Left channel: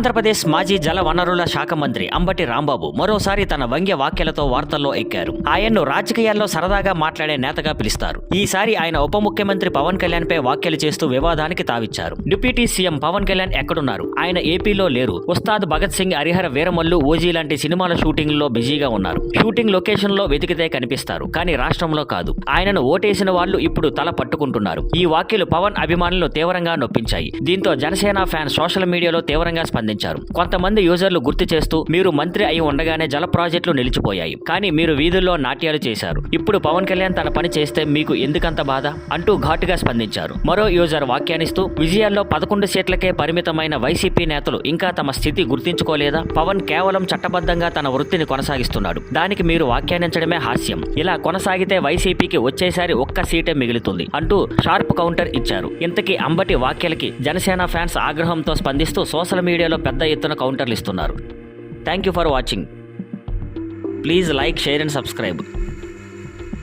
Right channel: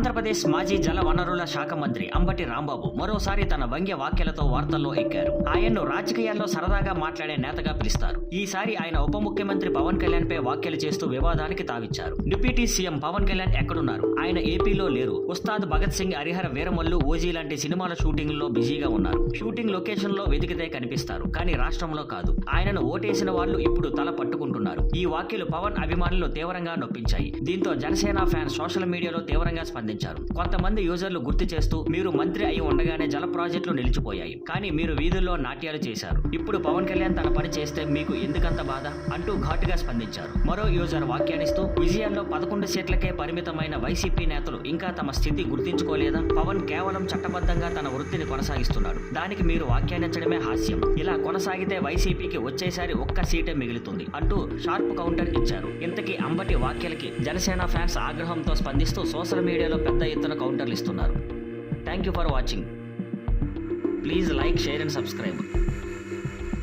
ఆంధ్రప్రదేశ్ మాజీ జల వనరుల శాఖ మంత్రి అంబటి రాంబాబు మరోసారి తన వ్యంగ్య వ్యాఖ్యలతో వార్తల్లో ఎక్కారు. ఆయన్ను రాజకీయాల్లో సరదాగా మాట్లాడే నేతగా పిలుస్తారు. ఈసారి ఆయన ఉప ముఖ్యమంత్రి పవన్ కళ్యాణ్ పై వ్యాఖ్యలు చేస్తూ వివాదానికి తావిచ్చారు. డిప్యూటీ సీఎం పవన్ కళ్యాణ్ ఎక్కడున్నారు? ఆయన ఏపీలో లేరు. ఉస్తాద్ భగత్ సింగ్, హరిహర వీరమల్లు, ఓజీ లాంటి సినిమాల షూటింగ్ లో బిజీగా ఉన్నారు. షూటింగ్ లొకేషన్ లో వెతికితే కనిపిస్తారు, కానీ రాష్ట్రంలో కాదు. ఆయనను ఓటేసిన వాళ్ళు ఇప్పుడు తల పట్టుకుంటున్నారు. ఈ వ్యాఖ్యలు పవన్ అభిమానులను తీవ్రంగా నొప్పించాయి. దీంతో జనసేన ఫ్యాన్స్ సోషల్ మీడియాలో తీవ్రంగా స్పందించారు. కొంతమంది యూజర్లు గుర్తు చేస్తూ, మీరు మంత్రి అయి ఉండగానే జల ప్రాజెక్టులు నిలిచిపోయాయి, కానీ మీరు వీధుల్లో నాట్యాలు చేశారు. ఇప్పుడు పవన్ కళ్యాణ్ తన పని చేస్తే మీకు ఎందుకంత బాధ అంటూ ఘాటుగా స్పందించారు. మరో యూజర్ వ్యాఖ్యానిస్తూ, విజయాల్లో 11 సీట్లకే పరిమితమైన వైసీపీ నేతలు ఇంకా తమ స్థితి గుర్తించుకోలేదా? పవన్ కేవలం చట్టబద్ధంగా తన వృత్తిని కొనసాగిస్తున్నాడు. దానికి మీరు వ్యాఖ్యానించడమే హాస్యం. ఇలా కొనసాగితే వైసీపీకి వచ్చేసారి ఒక్క సీటే మిగులుతుంది అంటూ షార్ప్ కౌంటర్ ఇచ్చారు. ఇంతకీ అంబటి వ్యాఖ్యలకి జనసేన ఫ్యాన్స్ ఆగ్రహంతో స్పందిస్తూ సోషల్ మీడియాలో పెద్ద ఎత్తున కౌంటర్లు ఇస్తున్నారు. Thank you for watching. Please like, share and subscribe.